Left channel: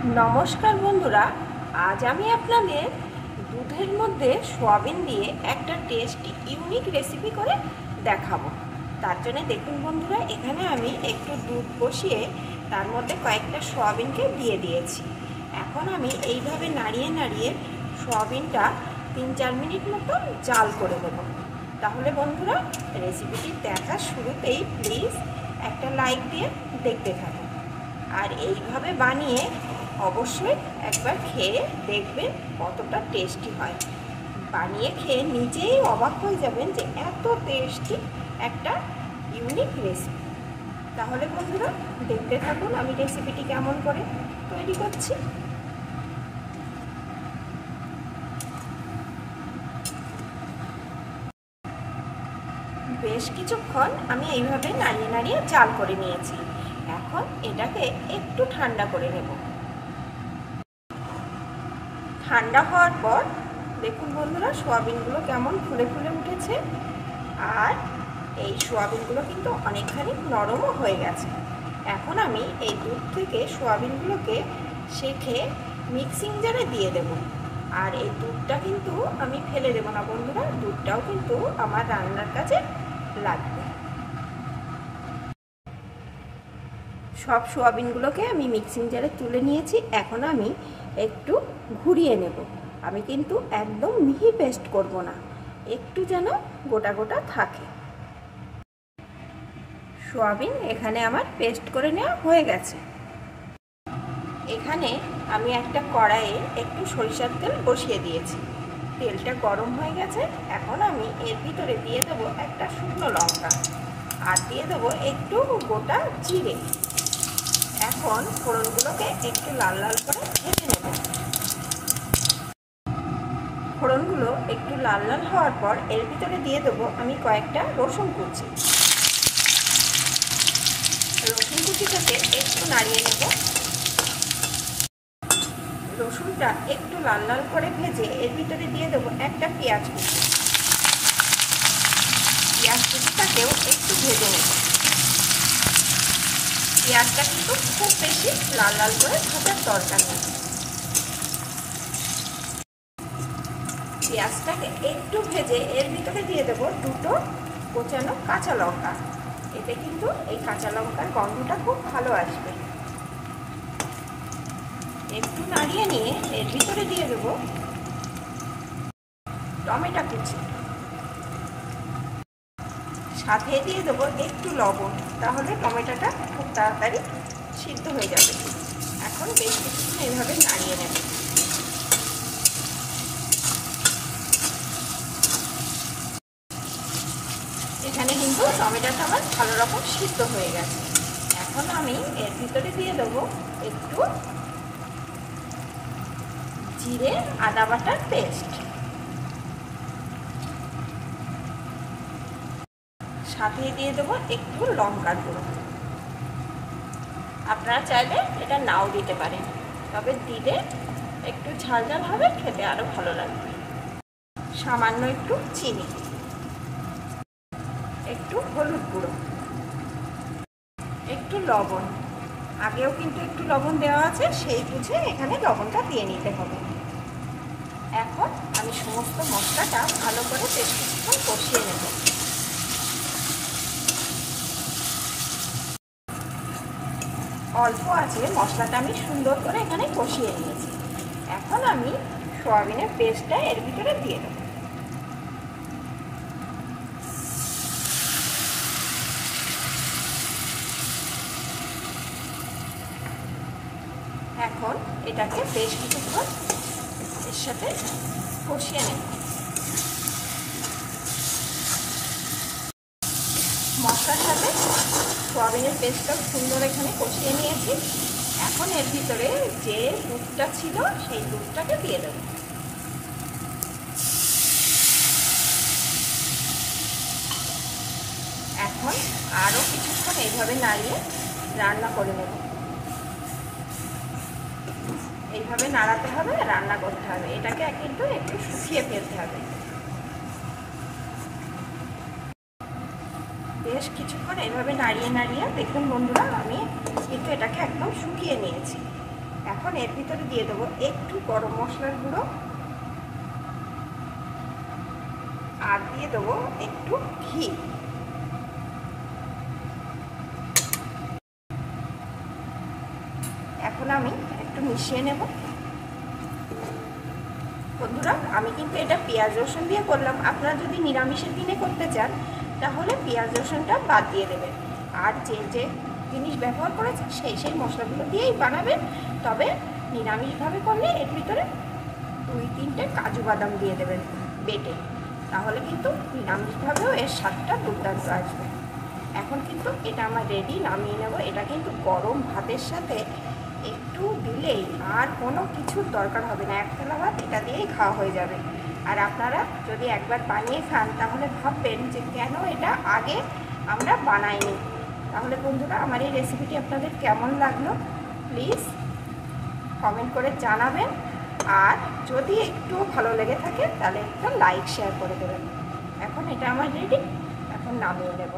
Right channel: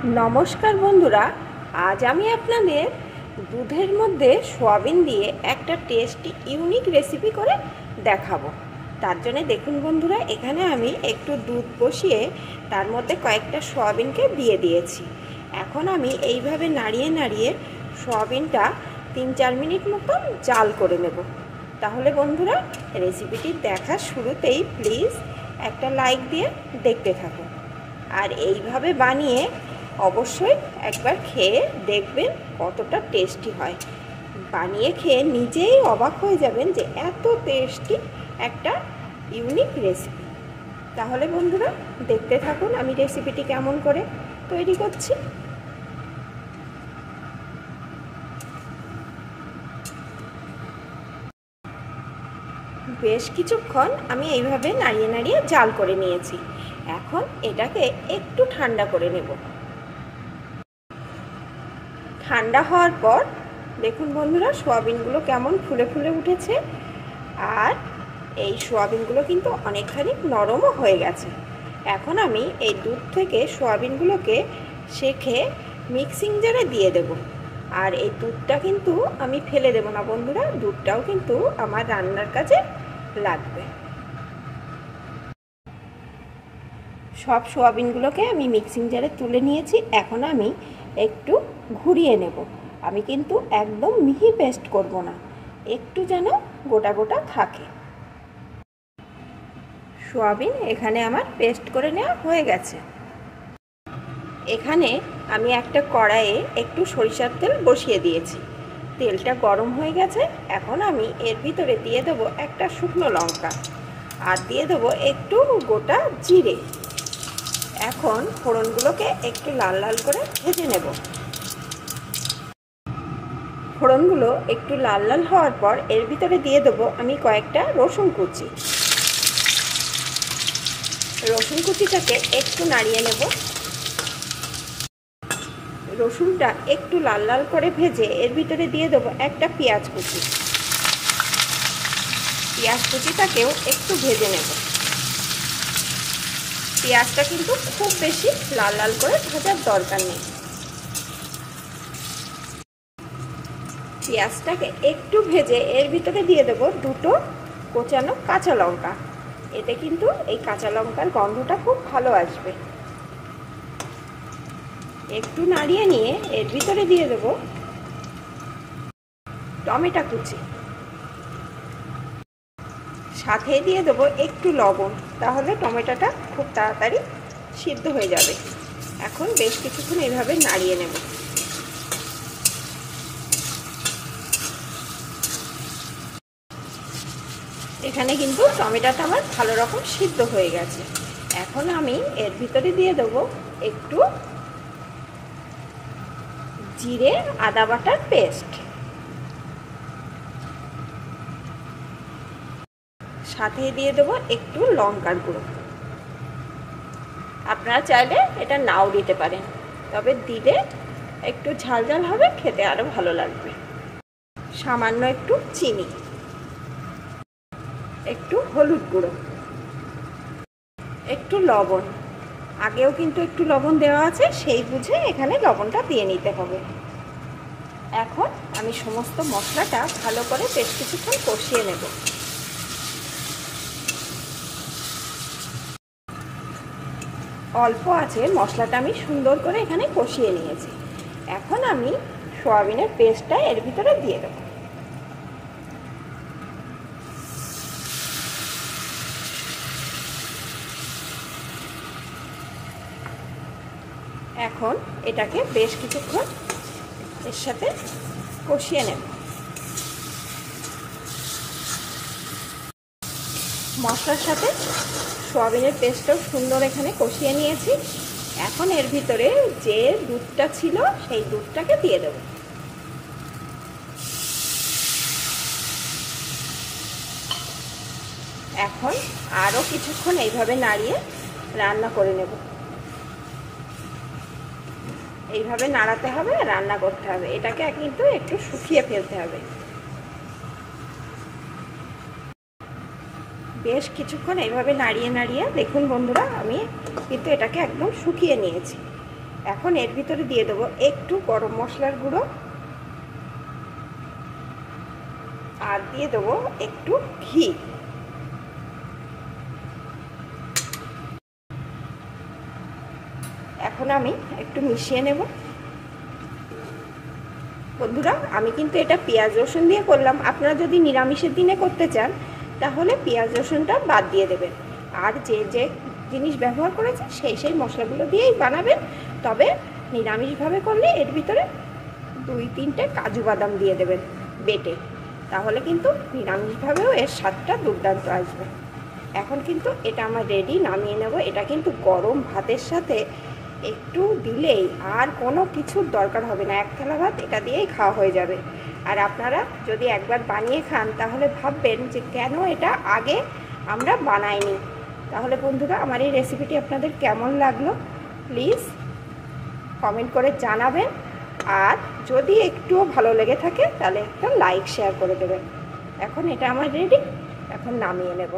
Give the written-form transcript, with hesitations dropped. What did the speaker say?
নমস্কার বন্ধুরা, আজ আমি আপনাদের দুধের মধ্যে সয়াবিন দিয়ে একটা টেস্টি ইউনিক রেসিপি করে দেখাবো। তার জন্য দেখুন বন্ধুরা, এখানে আমি একটু দুধ বসিয়ে তার মধ্যে কয়েকটা সয়াবিনকে দিয়ে দিয়েছি। এখন আমি এইভাবে নাড়িয়ে নাড়িয়ে সয়াবিনটা 3-4 মিনিট মতন জাল করে নেব। তাহলে বন্ধুরা, রেসিপিটি দেখার শুরুতেই প্লিজ একটা লাইক দিয়ে দেখতে থাকুন, আর এইভাবে বানিয়ে অবশ্যই একবার খেয়ে দেখবেন কতটা টেস্টি হয়। বানিয়ে খেয়ে নিজেই অবাক হয়ে যাবেন যে এত টেস্টি একটা ইউনিক রেসিপি। তাহলে বন্ধুরা, দেখতে থাকুন আমি রেসিপিটি কেমন করে তৈরি করছি। বেশ কিছুক্ষণ আমি এইভাবে নাড়িয়ে নাড়িয়ে জাল করে নিয়েছি। এখন এটাকে একটু ঠান্ডা করে নেব। ঠান্ডা হওয়ার পর দেখুন বন্ধুরা, সয়াবিনগুলো কেমন ফুলে ফুলে উঠেছে, আর এই সয়াবিনগুলো কিন্তু অনেকখানি নরমও হয়ে গেছে। এখন আমি এই দুধ থেকে সয়াবিনগুলোকে সেঁকে মিক্সিং জারে দিয়ে দেব। আর এই দুধটা কিন্তু আমি ফেলে দেব না বন্ধুরা, দুধটাও কিন্তু আমার রান্নার কাজে লাগবে। সব সয়াবিনগুলোকে আমি মিক্সিং জারে তুলে নিয়েছি। এখন আমি একটু ঘুরিয়ে নেব। আমি কিন্তু একদম মিহি পেস্ট করব না, একটু যেন গোটা গোটা থাকে। সয়াবিন এখানে আমার পেস্ট করে নেওয়া হয়ে গেছে। এখানে আমি একটা কড়াইয়ে একটু সরিষার তেল বসিয়ে দিয়েছি। তেলটা গরম হয়ে গেছে। এখন আমি এর ভিতরে দিয়ে দেবো একটা শুকনো লঙ্কা, আর দিয়ে দেবো একটু গোটা জিরে। এখন ফোড়নগুলোকে একটু লাল লাল করে ভেজে নেব। ফোড়নগুলো একটু লাল লাল হওয়ার পর এর ভিতরে দিয়ে দেবো আমি কয়েকটা রসুন কুচি। রসুন কুচিটাকে একটু নাড়িয়ে নেব। রসুনটা একটু লাল লাল করে ভেজে এর ভিতরে দিয়ে দেবো একটা পেঁয়াজ কুচি। পেঁয়াজ কুচিটাকেও একটু ভেজে নেব। পেঁয়াজটা কিন্তু খুব বেশি লাল লাল করে ভাজার দরকার নেই। পেঁয়াজটাকে একটু ভেজে এর ভিতরে দিয়ে দেবো দুটো কোচানো কাঁচা লঙ্কা। এতে কিন্তু এই কাঁচা লঙ্কার গন্ধটা খুব ভালো আসবে। একটু নাড়িয়ে নিয়ে এর ভিতরে দিয়ে দেবো টমেটো কুচি, সাথে দিয়ে দেবো একটু লবণ। তাহলে টমেটোটা খুব তাড়াতাড়ি সিদ্ধ হয়ে যাবে। এখন বেশ কিছুক্ষণ এইভাবে নাড়িয়ে নেব। এখানে কিন্তু টমেটোটা আমার ভালো রকম সিদ্ধ হয়ে গেছে। এখন আমি এর ভিতরে দিয়ে দেবো একটু জিরে আদা বাটার পেস্ট, সাথে দিয়ে দেবো একটু লঙ্কার গুঁড়ো। আপনারা চাইলে এটা নাও দিতে পারেন, তবে দিলে একটু ঝাল ঝাল হবে, খেতে আরো ভালো লাগবে। সামান্য একটু চিনি, একটু হলুদ গুঁড়ো, একটু লবণ। আগেও কিন্তু একটু লবণ দেওয়া আছে, সেই বুঝে এখানে লবণটা দিয়ে নিতে হবে। এখন আমি সমস্ত মশলাটা ভালো করে বেশ কিছুক্ষণ কষিয়ে নেব। অল্প আছে মশলাটা আমি সুন্দর করে এখানে কষিয়ে নিয়েছি। এখন আমি সয়াবিনের পেস্টটা এর ভিতরে দিয়ে দেব। এখন এটাকে বেশ কিছুক্ষণ এর সাথে কষিয়ে নেব। মশলার সাথে সয়াবিনের পেস্টটাও সুন্দর এখানে কষিয়ে নিয়েছি। এখন এর ভিতরে যে দুধটা ছিল সেই দুধটাকে দিয়ে দেব। এখন আরও কিছুক্ষণ এইভাবে নাড়িয়ে রান্না করে নেব। এইভাবে নাড়াতে হবে, রান্না করতে হবে। এটাকে কিন্তু একটু শুকিয়ে ফেলতে হবে। বেশ কিছুক্ষণ এইভাবে নাড়িয়ে নাড়িয়ে দেখুন বন্ধুরা, আমি কিন্তু এটাকে একদম শুকিয়ে নিয়েছি। এখন এর ভিতরে দিয়ে দেবো একটু গরম মশলার গুঁড়ো আর দিয়ে দেবো একটু ঘি। এখন আমি একটু মিশিয়ে নেব। বন্ধুরা, আমি কিন্তু এটা পেঁয়াজ রসুন দিয়ে করলাম। আপনারা যদি নিরামিষের দিনে করতে চান তাহলে পেঁয়াজ রসুনটা বাদ দিয়ে দেবেন, আর যে যে জিনিস ব্যবহার করেছে সেই মশলাগুলো দিয়েই বানাবেন। তবে নিরামিষভাবে করলে এর ভিতরে 2-3টে কাজু বাদাম দিয়ে দেবেন বেটে, তাহলে কিন্তু নিরামিষভাবেও এর স্বাদটা দুর্দান্ত আসবে। এখন কিন্তু এটা আমার রেডি, নামিয়ে নেব। এটা কিন্তু গরম ভাতের সাথে একটু দিলেই আর কোনো কিছুর দরকার হবে না, এক থালা ভাত এটা দিয়েই খাওয়া হয়ে যাবে। আর আপনারা যদি একবার বানিয়ে খান তাহলে ভাববেন যে কেন এটা আগে আমরা বানাইনি। তাহলে বন্ধুরা, আমার এই রেসিপিটি আপনাদের কেমন লাগলো প্লিজ কমেন্ট করে জানাবেন, আর যদি একটুও ভালো লেগে থাকে তাহলে একটা লাইক শেয়ার করে দেবেন। এখন এটা আমার রেডি, এখন নামিয়ে নেব।